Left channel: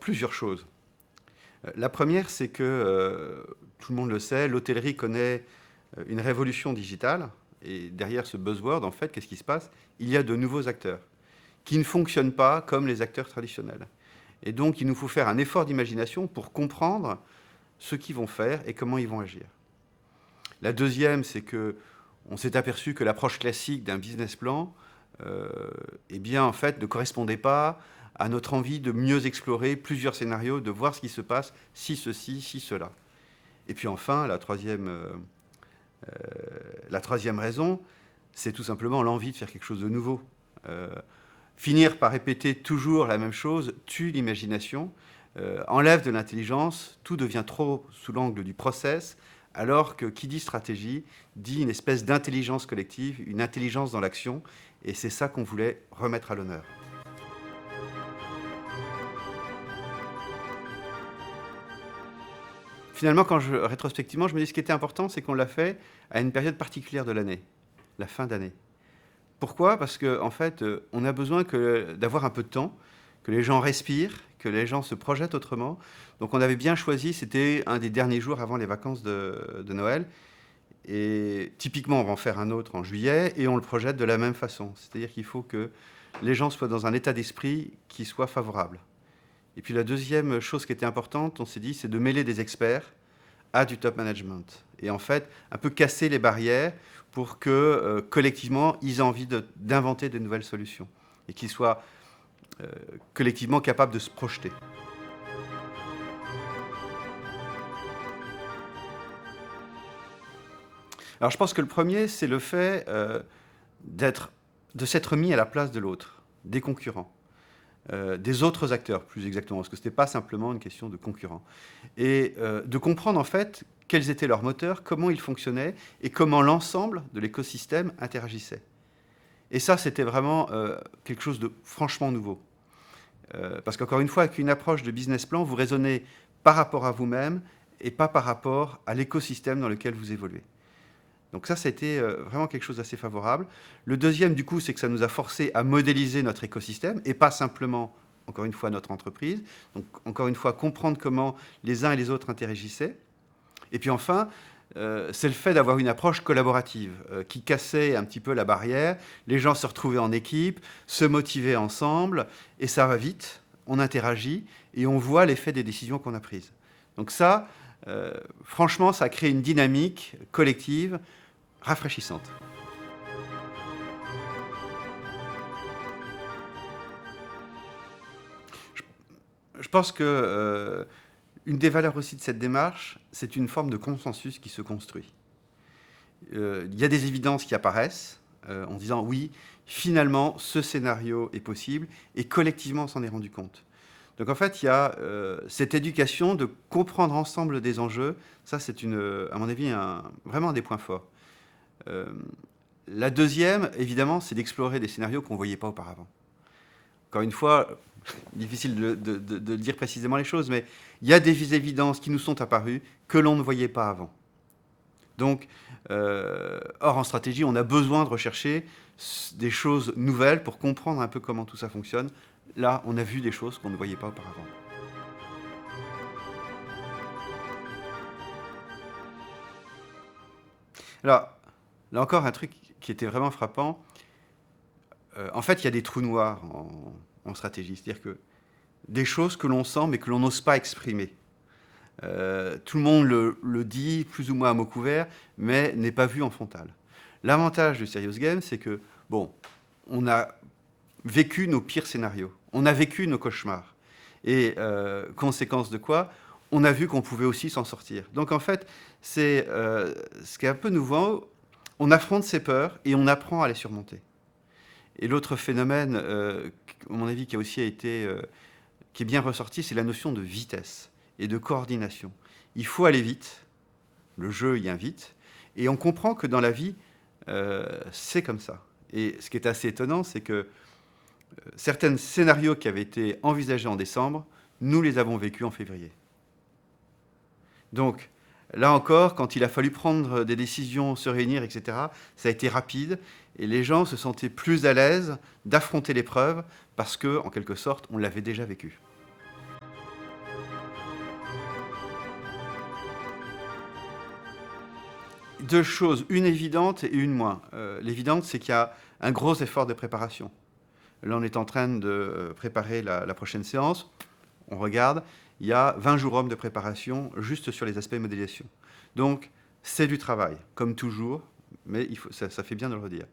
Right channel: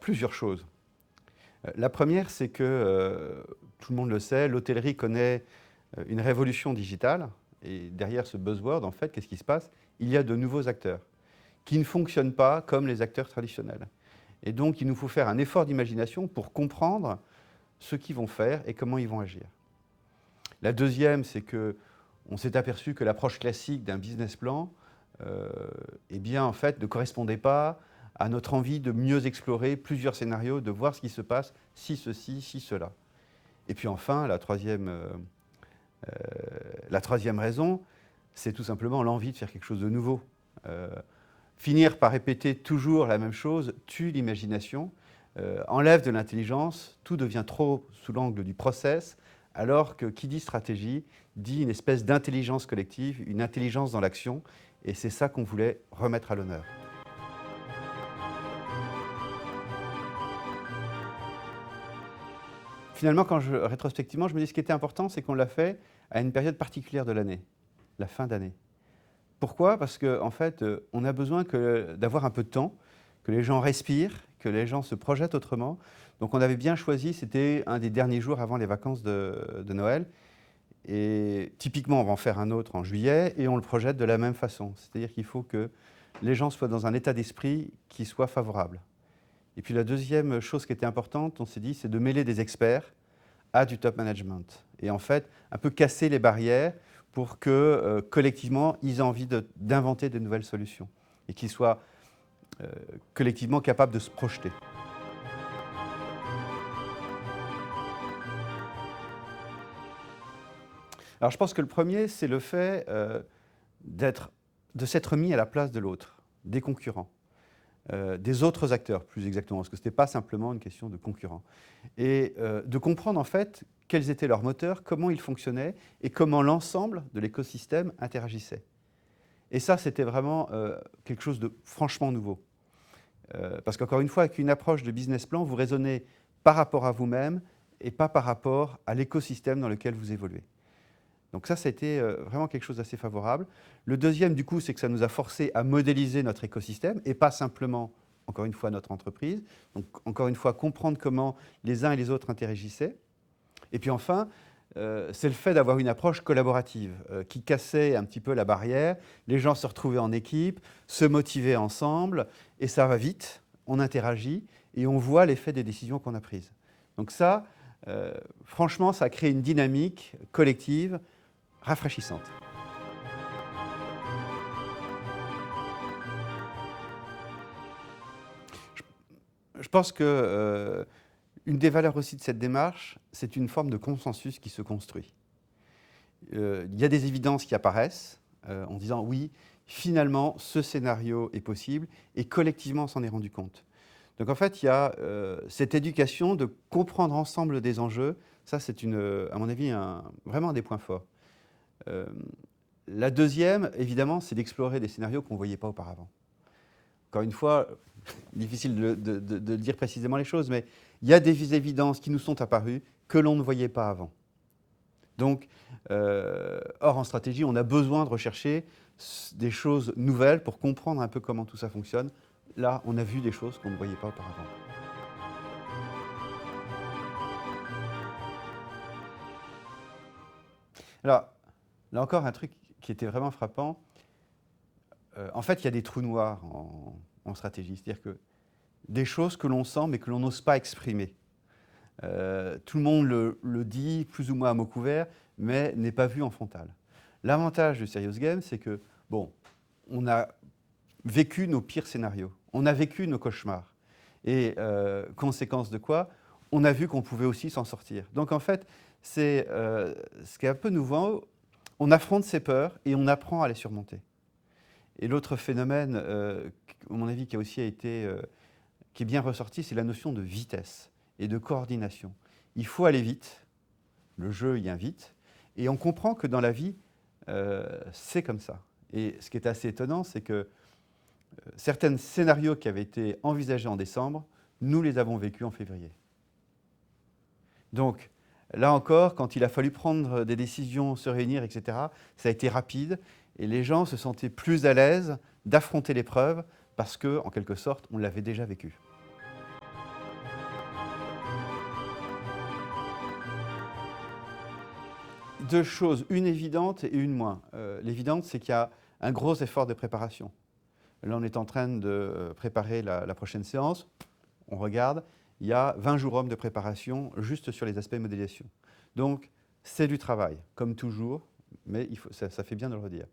Plusieurs choses. La première, c'est que, tout le monde le sait, l'hôtellerie connaît une révolution digitale. Et derrière ce buzzword, en fait, qu'est-ce qui se passe? Il y a de nouveaux acteurs qui ne fonctionnent pas comme les acteurs traditionnels. Et donc, il nous faut faire un effort d'imagination pour comprendre ce qu'ils vont faire et comment ils vont agir. La deuxième, c'est que on s'est aperçu que l'approche classique d'un business plan, eh bien, en fait, ne correspondait pas à notre envie de mieux explorer plusieurs scénarios, de voir ce qui se passe, si ceci, si cela. Et puis enfin, la troisième raison, c'est tout simplement l'envie de faire quelque chose de nouveau. Finir par répéter toujours la même chose tue l'imagination, enlève de l'intelligence, tout devient trop sous l'angle du process, alors que qui dit stratégie dit une espèce d'intelligence collective, une intelligence dans l'action, et c'est ça qu'on voulait remettre à l'honneur. Finalement, rétrospectivement, je me dis ce qui était important, c'est qu'on l'a fait à une période particulière de l'année, la fin d'année. Pourquoi? Parce qu'en fait, on a besoin d'avoir un peu de temps, que les gens respirent, que les gens se projettent autrement. Donc on avait bien choisi, c'était un des derniers jours avant les vacances de Noël. Et typiquement, on va en faire un autre en juillet et on le projette de la même façon. C'est-à-dire qu'il faut que les gens soient dans un état d'esprit qui soit favorable. Et puis la deuxième chose qui était importante, on s'est dit, c'est de mêler des experts à du top management. Et en fait, un peu casser les barrières pour que collectivement, ils aient envie d'inventer de nouvelles solutions et qu'ils soient collectivement capables de se projeter. Alors je pense que le premier, c'est le fait de s'être mis à la place de l'autre, des concurrents, des autres acteurs plus exactement, parce que ce n'était pas simplement une question de concurrents. Et de comprendre en fait quels étaient leurs moteurs, comment ils fonctionnaient et comment l'ensemble de l'écosystème interagissait. Et ça, c'était vraiment quelque chose de franchement nouveau. Parce qu'encore une fois, avec une approche de business plan, vous raisonnez par rapport à vous-même et pas par rapport à l'écosystème dans lequel vous évoluez. Donc ça a été vraiment quelque chose d'assez favorable. Le deuxième, du coup, c'est que ça nous a forcé à modéliser notre écosystème et pas simplement, encore une fois, notre entreprise. Donc, encore une fois, comprendre comment les uns et les autres interagissaient. Et puis enfin, c'est le fait d'avoir une approche collaborative qui cassait un petit peu la barrière. Les gens se retrouvaient en équipe, se motivaient ensemble, et ça va vite, on interagit, et on voit l'effet des décisions qu'on a prises. Donc ça, franchement, ça a créé une dynamique collective rafraîchissante. Je pense que une des valeurs aussi de cette démarche, c'est une forme de consensus qui se construit. Il y a des évidences qui apparaissent en disant oui, finalement, ce scénario est possible et collectivement on s'en est rendu compte. Donc en fait, il y a cette éducation de comprendre ensemble des enjeux. Ça, c'est à mon avis, vraiment un des points forts. La deuxième, évidemment, c'est d'explorer des scénarios qu'on ne voyait pas auparavant. Encore une fois, difficile de dire précisément les choses, mais il y a des évidences qui nous sont apparues que l'on ne voyait pas avant. Donc, or, en stratégie, on a besoin de rechercher des choses nouvelles pour comprendre un peu comment tout ça fonctionne. Là, on a vu des choses qu'on ne voyait pas auparavant. Alors, là encore, un truc qui était vraiment frappant. En fait, il y a des trous noirs en stratégie. C'est-à-dire que des choses que l'on sent mais que l'on n'ose pas exprimer. Tout le monde le dit plus ou moins à mots couverts, mais n'est pas vu en frontal. L'avantage du Serious Game, c'est que, bon, on a vécu nos pires scénarios, on a vécu nos cauchemars. Et conséquence de quoi, on a vu qu'on pouvait aussi s'en sortir. Donc en fait, c'est ce qui est un peu nouveau, on affronte ses peurs et on apprend à les surmonter. Et l'autre phénomène, à mon avis, qui a aussi été, qui est bien ressorti, c'est la notion de vitesse et de coordination. Il faut aller vite, le jeu y invite, et on comprend que dans la vie, c'est comme ça. Et ce qui est assez étonnant, c'est que certains scénarios qui avaient été envisagés en décembre, nous les avons vécus en février. Donc, là encore, quand il a fallu prendre des décisions, se réunir, etc., ça a été rapide, et les gens se sentaient plus à l'aise d'affronter l'épreuve, parce que, en quelque sorte, on l'avait déjà vécu. deux choses, une évidente et une moins. L'évidente, c'est qu'il y a un gros effort de préparation. Là, on est en train de préparer la prochaine séance. On regarde, il y a 20 jours hommes de préparation juste sur les aspects modélisation. Donc, c'est du travail, comme toujours, mais ça fait bien de le redire.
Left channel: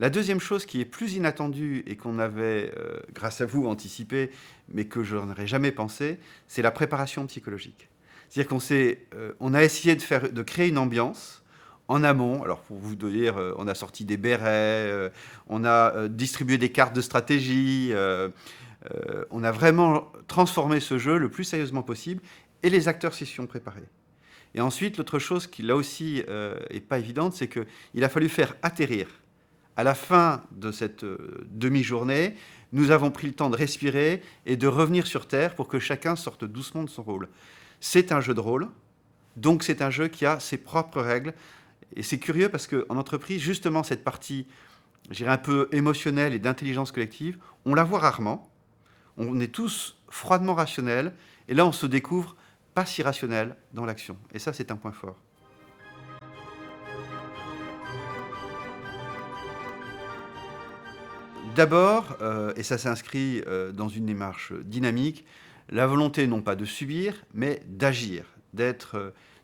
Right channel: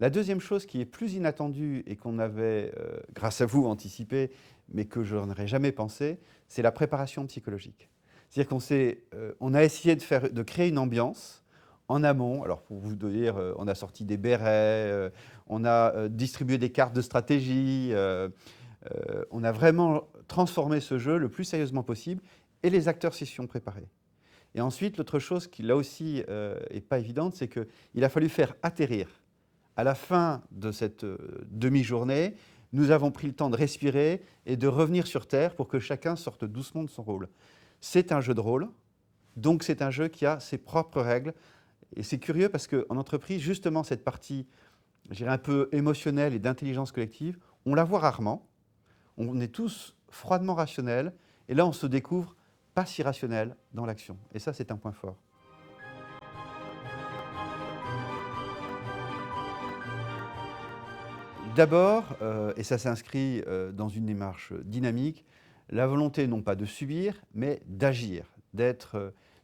La deuxième chose qui est plus inattendue et qu'on avait, grâce à vous, anticipé, mais que je n'aurais jamais pensé, c'est la préparation psychologique. C'est-à-dire qu'on a essayé de créer une ambiance en amont. Alors, pour vous dire, on a sorti des bérets, on a distribué des cartes de stratégie, on a vraiment transformé ce jeu le plus sérieusement possible, et les acteurs s'y sont préparés. Et ensuite, l'autre chose qui, là aussi, n'est pas évidente, c'est qu'il a fallu faire atterrir. À la fin de cette demi-journée, nous avons pris le temps de respirer et de revenir sur Terre pour que chacun sorte doucement de son rôle. C'est un jeu de rôle, donc c'est un jeu qui a ses propres règles. Et c'est curieux parce qu'en entreprise, justement, cette partie, je dirais, un peu émotionnelle et d'intelligence collective, on la voit rarement. On est tous froidement rationnels, et là, on se découvre pas si rationnel dans l'action. Et ça, c'est un point fort. D'abord, et ça s'inscrit dans une démarche dynamique, la volonté non pas de subir, mais d'agir,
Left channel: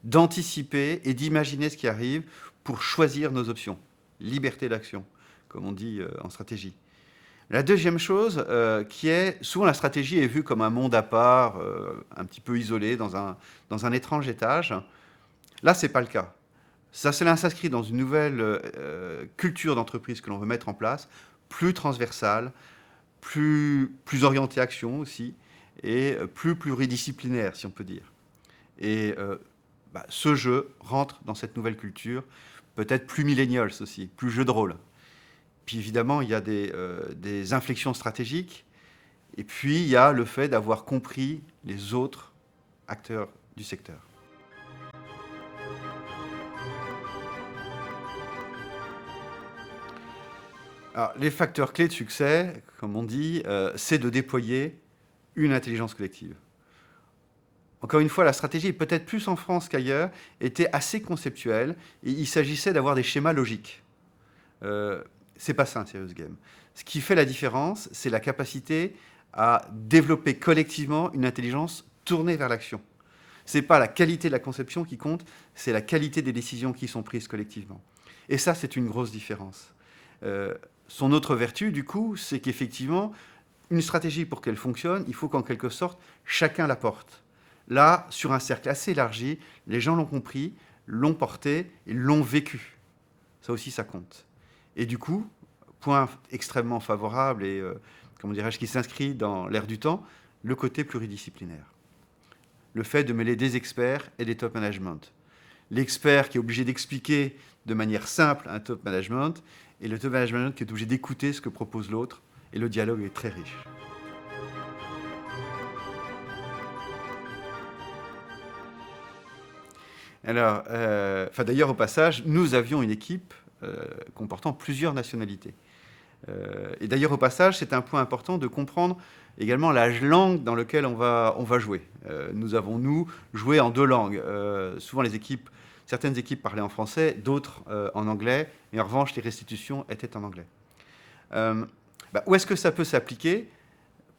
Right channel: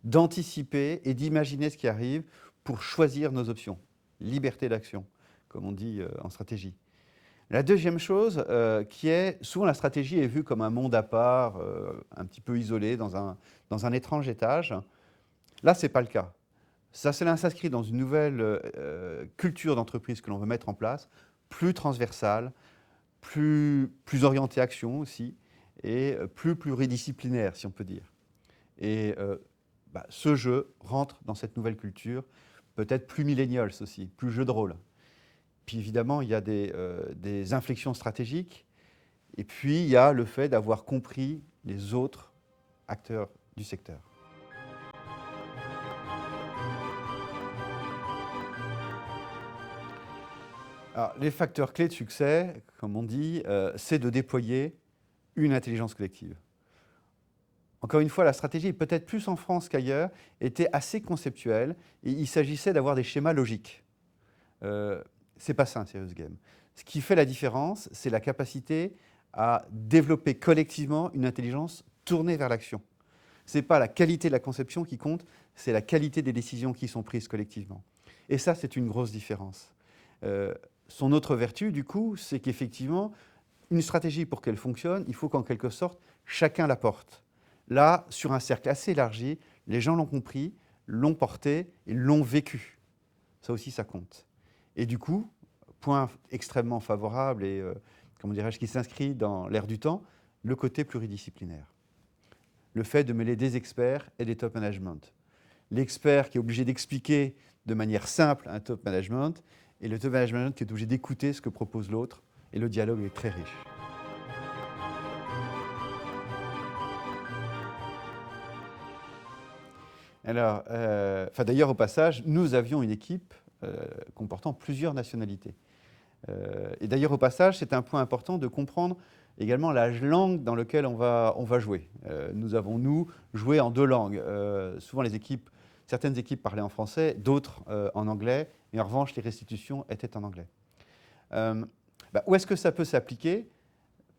d'anticiper et d'imaginer ce qui arrive pour choisir nos options. Liberté d'action, comme on dit en stratégie. La deuxième chose, qui est, souvent la stratégie est vue comme un monde à part, un petit peu isolé, dans un étrange étage. Là, ce n'est pas le cas. Cela s'inscrit dans une nouvelle culture d'entreprise que l'on veut mettre en place, plus transversale, plus orientée action aussi, et plus pluridisciplinaire, si on peut dire. Et ce jeu rentre dans cette nouvelle culture, peut-être plus millennials aussi, plus jeu de rôle. Puis évidemment, il y a des inflexions stratégiques, et puis il y a le fait d'avoir compris les autres acteurs du secteur. Alors, les facteurs clés de succès, comme on dit, c'est de déployer une intelligence collective. Encore une fois, la stratégie, peut-être plus en France qu'ailleurs, était assez conceptuelle, et il s'agissait d'avoir des schémas logiques. C'est pas ça un serious game. Ce qui fait la différence, c'est la capacité à développer collectivement une intelligence tournée vers l'action. Ce n'est pas la qualité de la conception qui compte, c'est la qualité des décisions qui sont prises collectivement. Et ça, c'est une grosse différence. Son autre vertu, du coup, c'est qu'effectivement, une stratégie, pour qu'elle fonctionne, il faut qu'en quelque sorte, chacun la porte. Là, sur un cercle assez élargi, les gens l'ont compris, l'ont porté et l'ont vécu. Ça aussi, ça compte. Et du coup, point extrêmement favorable et, comment dirais-je, qui s'inscrit dans l'air du temps, le côté pluridisciplinaire. Le fait de mêler des experts et des top management. L'expert qui est obligé d'expliquer de manière simple un top management, et le top management qui est obligé d'écouter ce que propose l'autre, et le dialogue est très riche. Alors, d'ailleurs, au passage, nous avions une équipe comportant plusieurs nationalités. Et d'ailleurs, au passage, c'est un point important de comprendre également la langue dans laquelle on va jouer. Nous avons, joué en deux langues. Souvent, certaines équipes parlaient en français, d'autres en anglais, et en revanche, les restitutions étaient en anglais. Où est-ce que ça peut s'appliquer?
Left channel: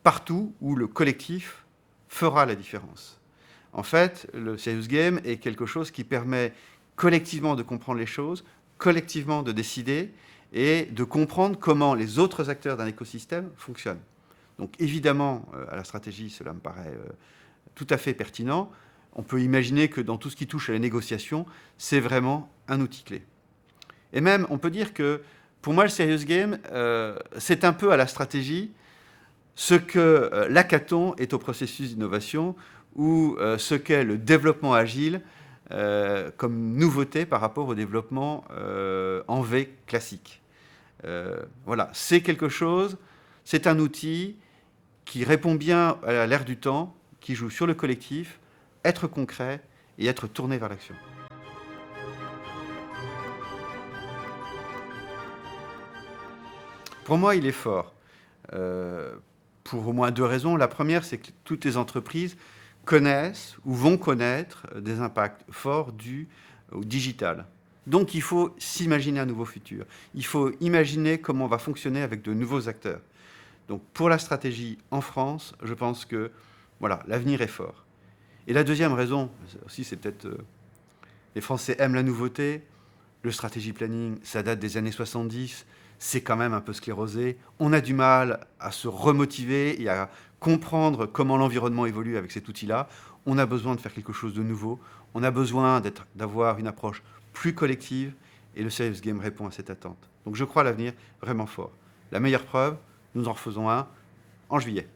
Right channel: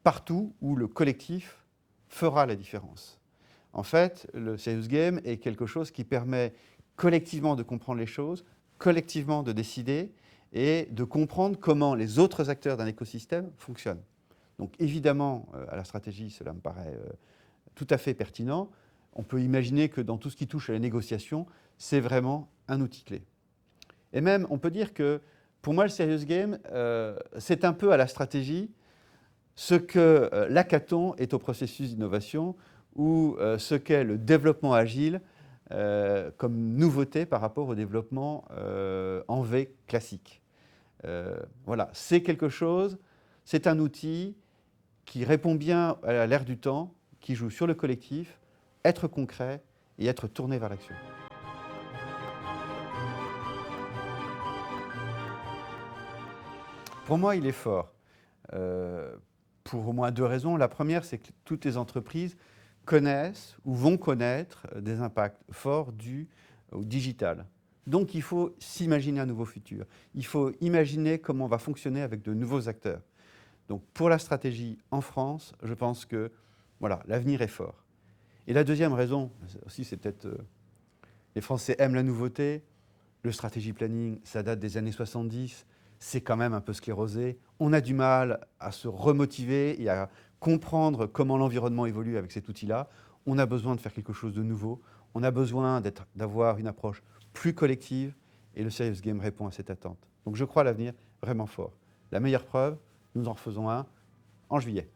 Partout où le collectif fera la différence. En fait, le serious game est quelque chose qui permet collectivement de comprendre les choses, collectivement de décider et de comprendre comment les autres acteurs d'un écosystème fonctionnent. Donc évidemment, à la stratégie, cela me paraît tout à fait pertinent. On peut imaginer que dans tout ce qui touche à la négociation, c'est vraiment un outil clé. Et même, on peut dire que, pour moi, le serious game, c'est un peu à la stratégie ce que l'hackathon est au processus d'innovation ou ce qu'est le développement agile comme nouveauté par rapport au développement en V classique. Voilà, c'est quelque chose, c'est un outil qui répond bien à l'ère du temps, qui joue sur le collectif, être concret et être tourné vers l'action. Pour moi, il est fort. Pour au moins deux raisons. La première, c'est que toutes les entreprises connaissent ou vont connaître des impacts forts dus au digital. Donc il faut s'imaginer un nouveau futur. Il faut imaginer comment on va fonctionner avec de nouveaux acteurs. Donc pour la stratégie en France, je pense que voilà, l'avenir est fort. Et la deuxième raison, aussi c'est peut-être les Français aiment la nouveauté, le stratégie planning, ça date des années 70, c'est quand même un peu sclérosé. On a du mal à se remotiver et à comprendre comment l'environnement évolue avec cet outil-là. On a besoin de faire quelque chose de nouveau. On a besoin d'avoir une approche plus collective et le Sales Game répond à cette attente. Donc je crois à l'avenir vraiment fort. La meilleure preuve, nous en refaisons un en juillet.